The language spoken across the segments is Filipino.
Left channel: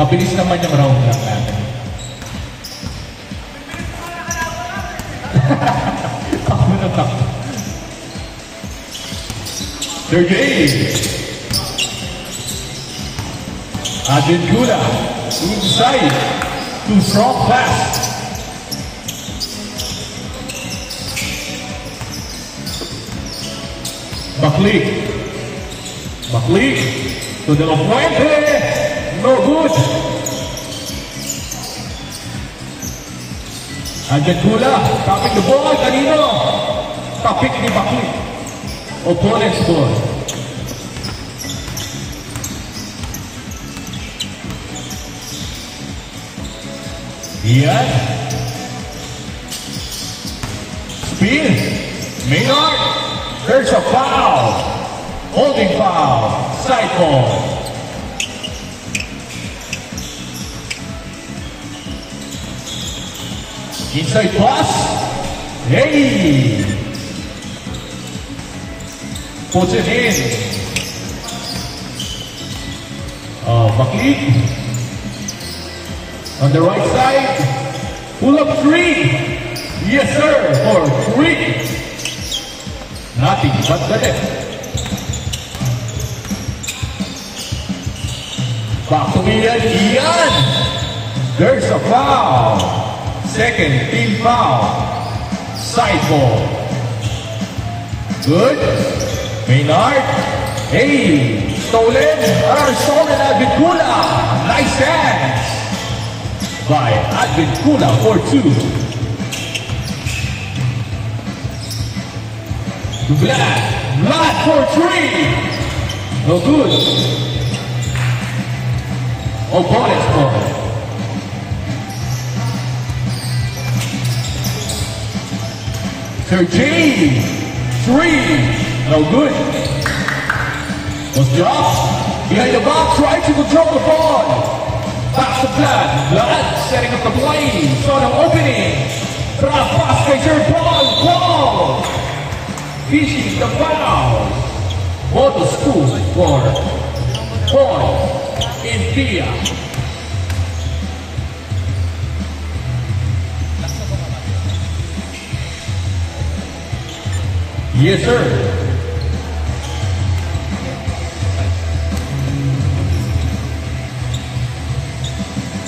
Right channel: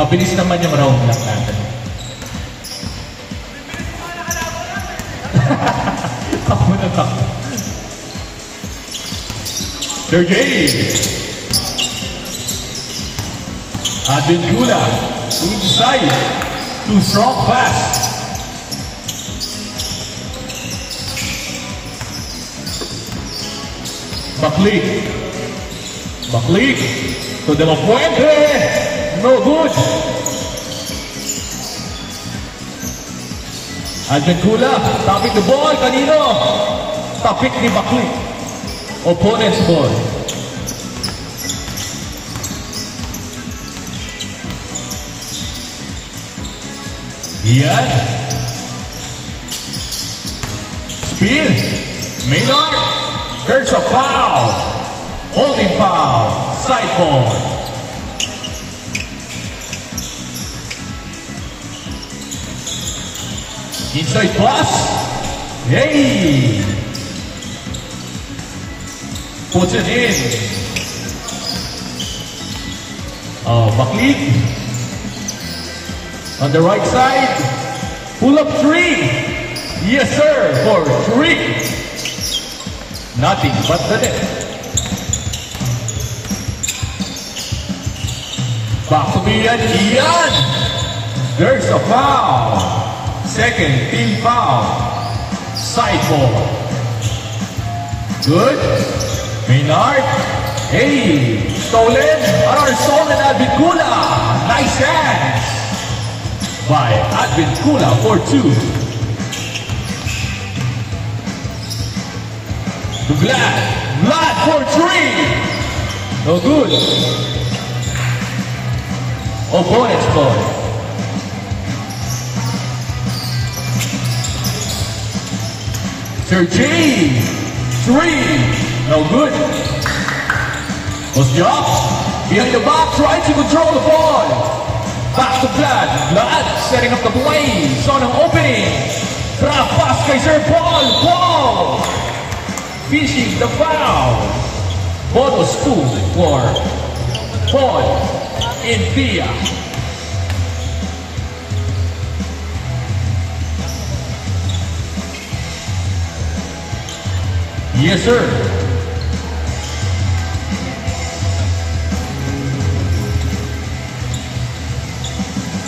Mabilis naman yung round lang natin. Takbo na takbo. Sergey! Advincula, inside, to strong pass. Baklik, to De La Fuente, no good. Advincula, topic the ball, kanino? Topic ni Baklik. Opponent's ball. Yes. Speed. Maynard. There's a foul. Holding foul. Side ball. Inside pass. Hey. Puts it in. Baklik. On the right side, pull up three. Yes, sir, for three. Nothing but the net. Back to Ian. There's a foul. Second team foul. Side ball. Good. Maynard. Hey, stolen. Another stolen Advincula. Nice dance by Advincula for two. Vlad for three. No good. Opponent's ball. Sergey, three. No good. Ostiaf, behind the back, trying to control the ball. Pass to Vlad setting up the play. Saw an opening. Pass Kaiser ball. Fishing the foul. Moto school for Paul India. Yes, sir.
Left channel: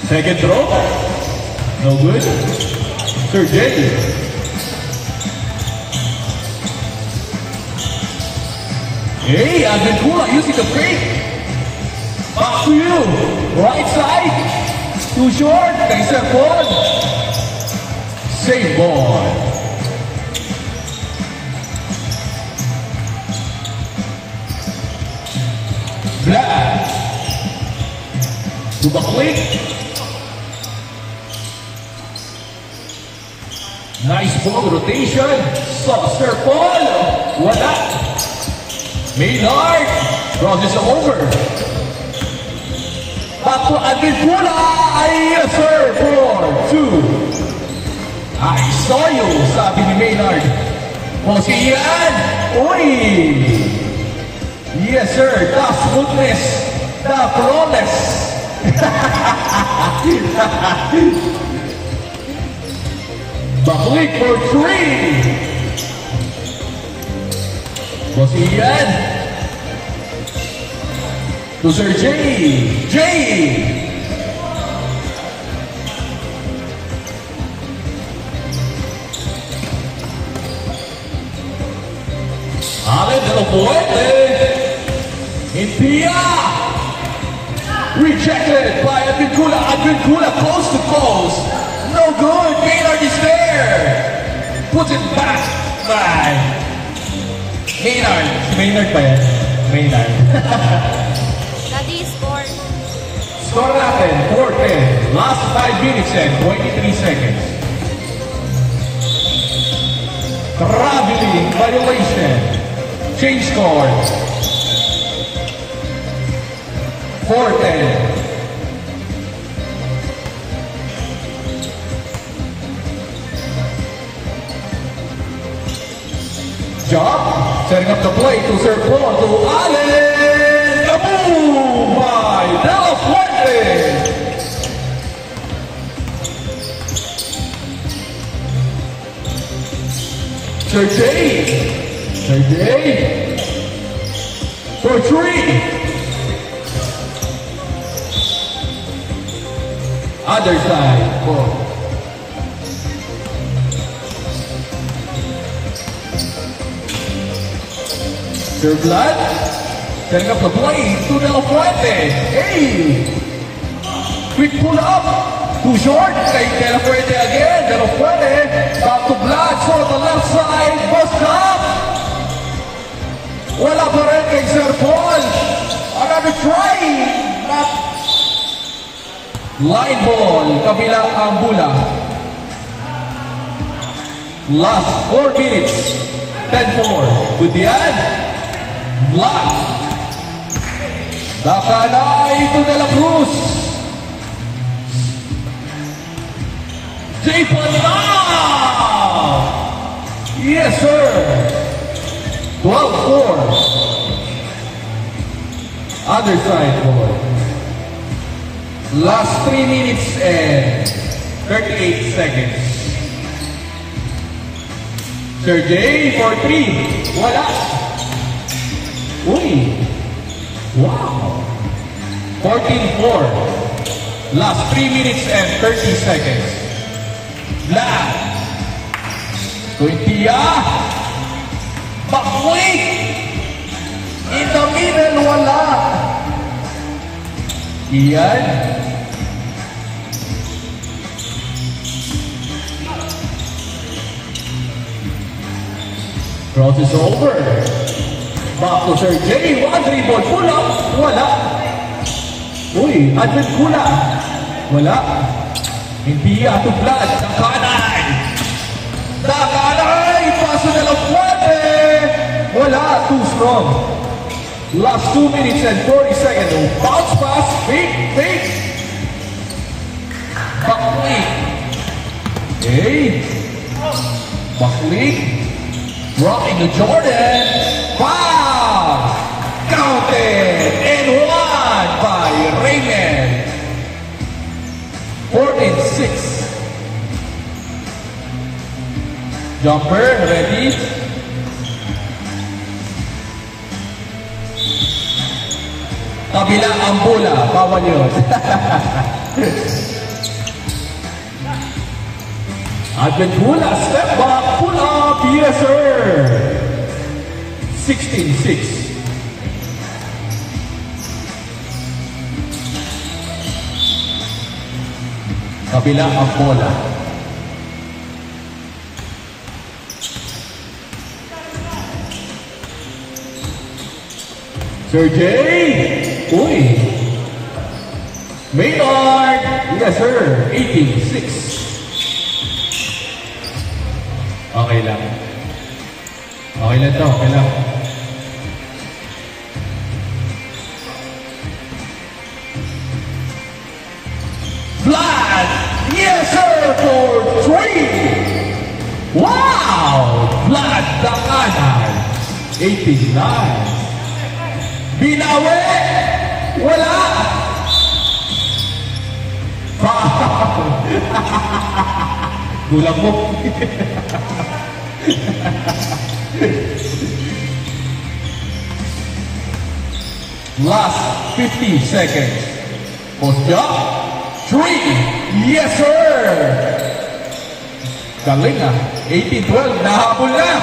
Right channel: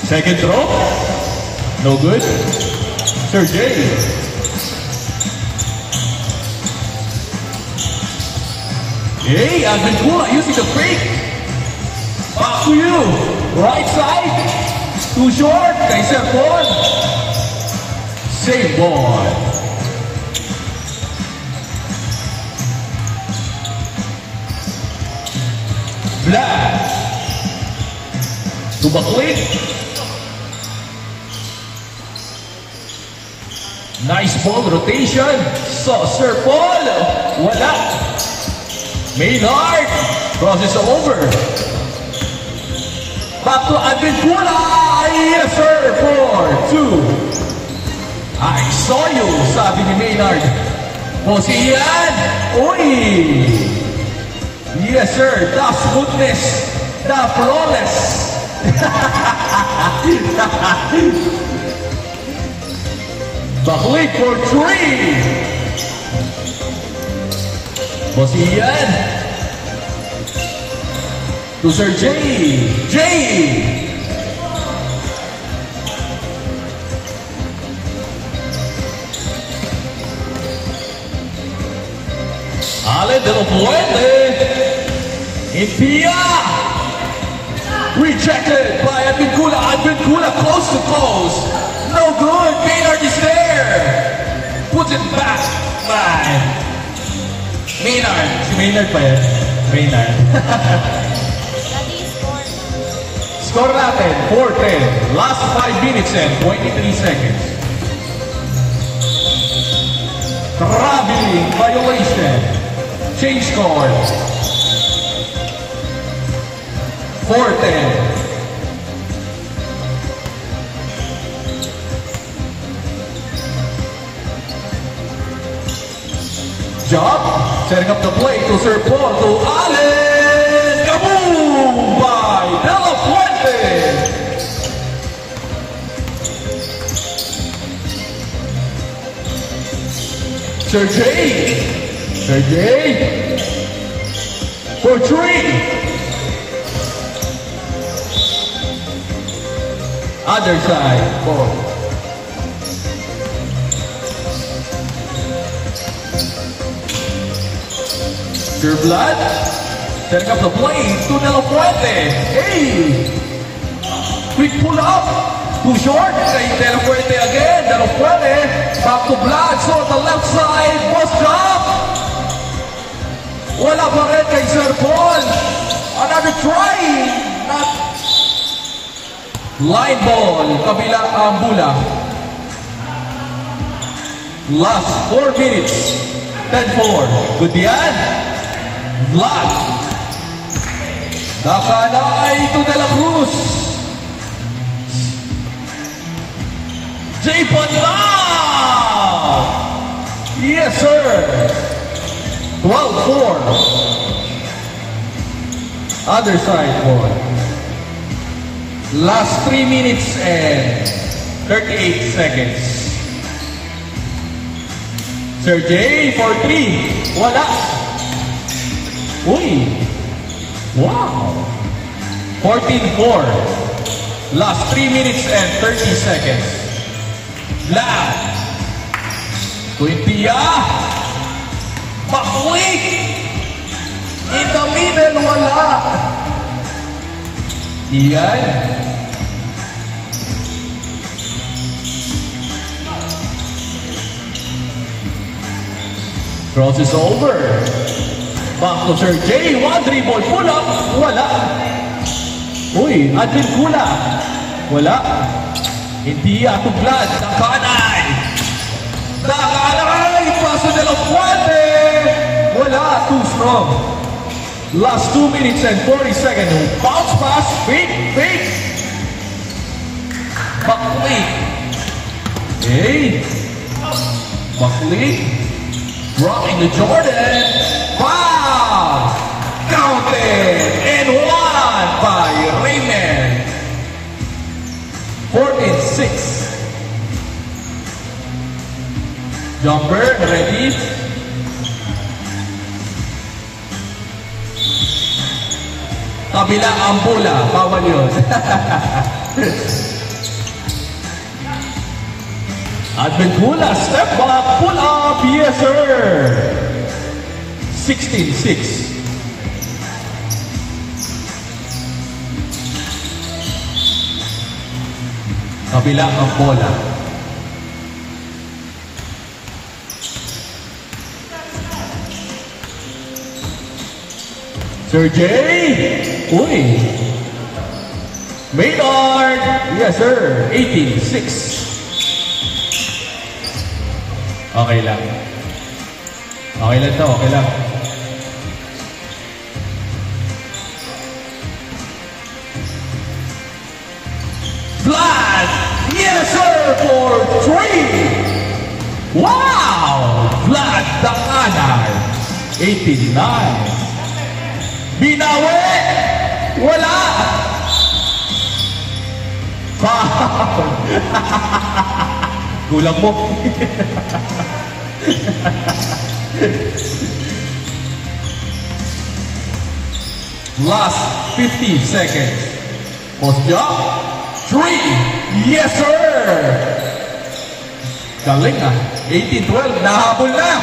Second throw. No good. Sergey. Hey, Advincula using the fake. Back to you. Right side. Too short. Kaiser ball. Save ball. Vlad. To Baklik. Nice ball rotation. Saucer ball. Wala. Maynard crosses over. Back to Advincula. Yes, sir, for two. I saw you, sabi ni Maynard. O si Ian. Uy. Yes, sir. The smoothness. The flawless. Baklik for three. Boss Ian. To Sir Jay. Ale de la Fuente. India. Rejected by Advincula. Advincula close to close. No good. Maynard is there. Puts it back by Maynard. Si Maynard pa yan? Maynard. Score natin, 4-10. Last 5 minutes and 23 seconds. Traveling violation. Change score. 4-10. Job, setting up the play to Sir Paul, to Allen. Kaboom by De La Fuente. Sergey. Sergey. For 3. Other side. 4. Sir Blood. Setting up the blade to De La Fuente. Hey! Quick pull up. Too short. Kay De La Fuente again. De La Fuente. Back to Blood. So the left side. Post up. Wala pa rin kay Sir Paul. Another try. Not line ball. Kabilang ang bola. Last 4 minutes. 10-4. Good yan. Blood. Nakanay to De La Cruz. J. Panao. Yes, sir. 12-4. Other side ball. Last 3 minutes and 38 seconds. Sergey for 3. Wala. Uy. Wow. 14-4. Last 3 minutes and 30 seconds. Black. Quintia. Bakwik. In the middle, wala. Iyan. Cross is over. Back to Sergey. 1-3 ball. Pull up. Wala. Uy, Adrian Kula. Wala. Hindi to Blood. Nakanay. Nakanay. Paso De La Fuente. Wala. Too strong. Last 2 minutes and 40 seconds. Bounce pass. Fake. Buckley. Hey. Buckley. Rocking the Jordan. Wow. Counted. And won by Raymond. 14-6. Jumper. Ready. Kabila ang bola. Bawal yun. Adventura, step back, pull up. Yes, sir. 16-6. Kabila ang bola. Sergey. Uy. Maynard. Yes, sir. 18-6. Okay lang. Okay lang to. Okay lang. Vlad. Yes, sir. For 3. Wow. Vlad Dakanay. 89. Binawi! Wala! Foul! Kulang mo. Last 15 seconds. Post up. 3. Yes, sir! Galing ah. 18-12. Nahabol na.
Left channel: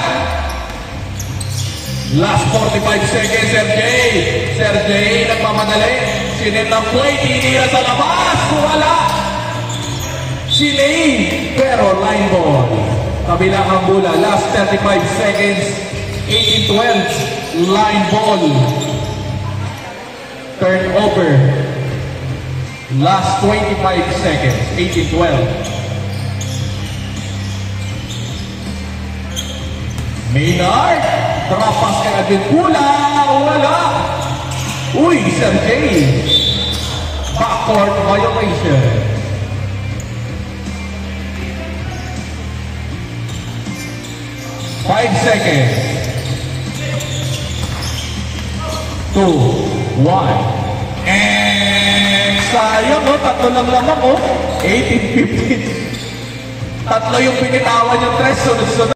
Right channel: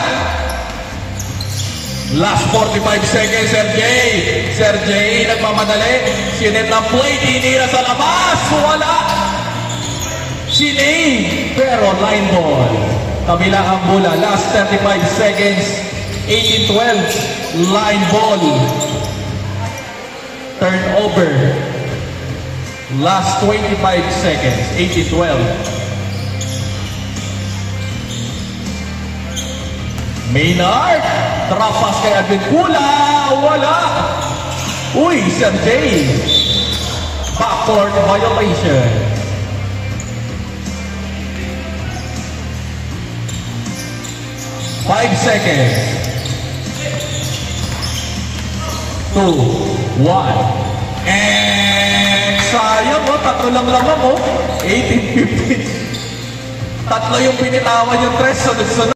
Last 45 seconds, Sergey. Sergey, nagmamadali. Sinip ng play, tinira sa labas. Wala. Sinay. Pero line ball. Kabila ang bola. Last 35 seconds. 18-12. Line ball. Turnover. Last 25 seconds. 18-12. Maynard. Trapas kay Advincula. Wala. Uy, Sergey. Backcourt violation. Five seconds. 2, 1. And sayang mo, tatlo lang naman mo. 18-15. Tatlo yung pinitawan yung tres. Sunod-sunod.